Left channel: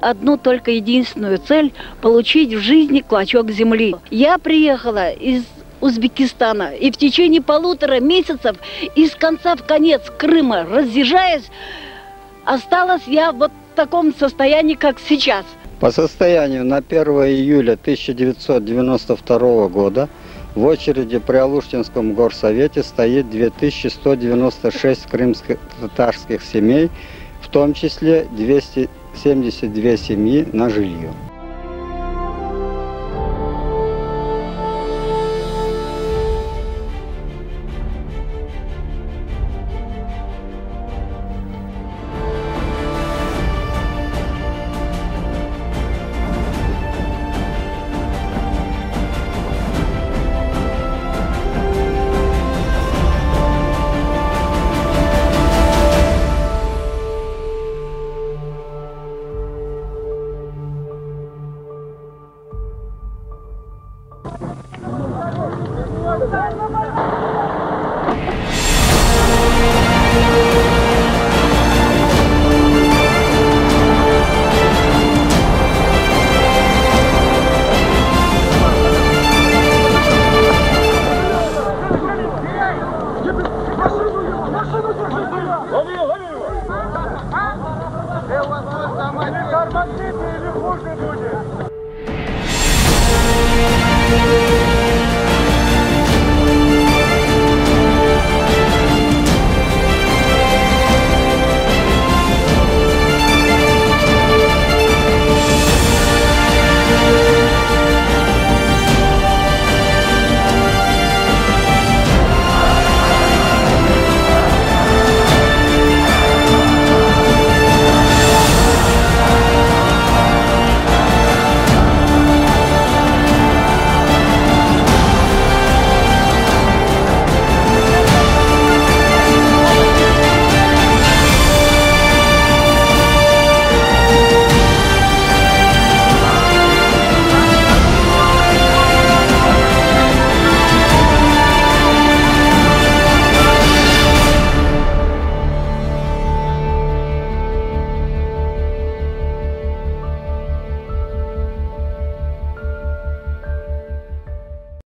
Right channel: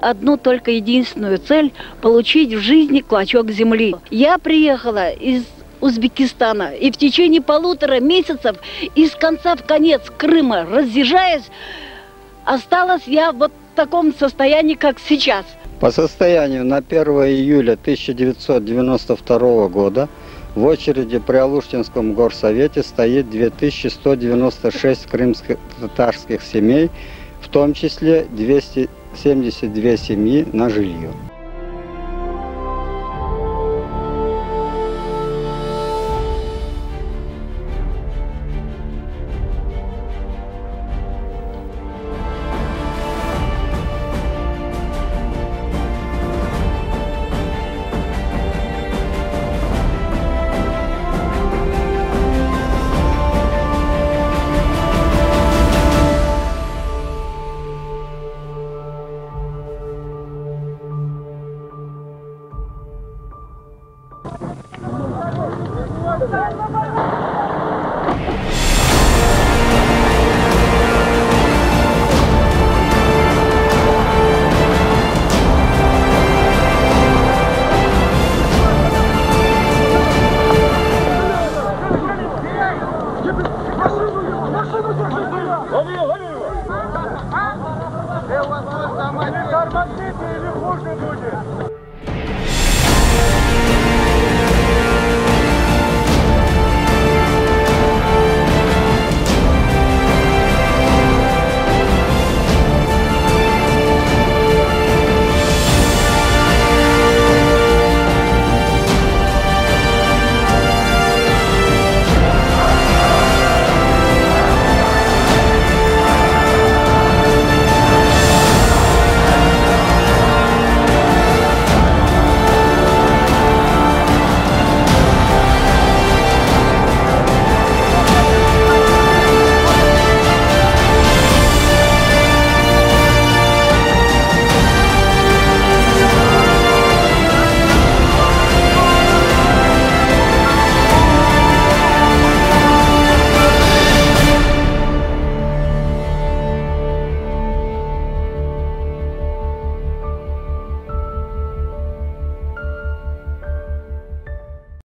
Одну только единственную цель – получить в жизни клочок земли. Я приехала из Узбекистана и в течение 1,5 месяцев из конца в конец Крыма разъезжаясь, осталась я вот в таком состоянии, как сейчас. По состоянию на 1 июля 1992 года в очереди при Алуштинском горсовете стоит 2196 крымско-татарских семей, в том числе 272 семьи на жилье. Тормозите или хуже будет!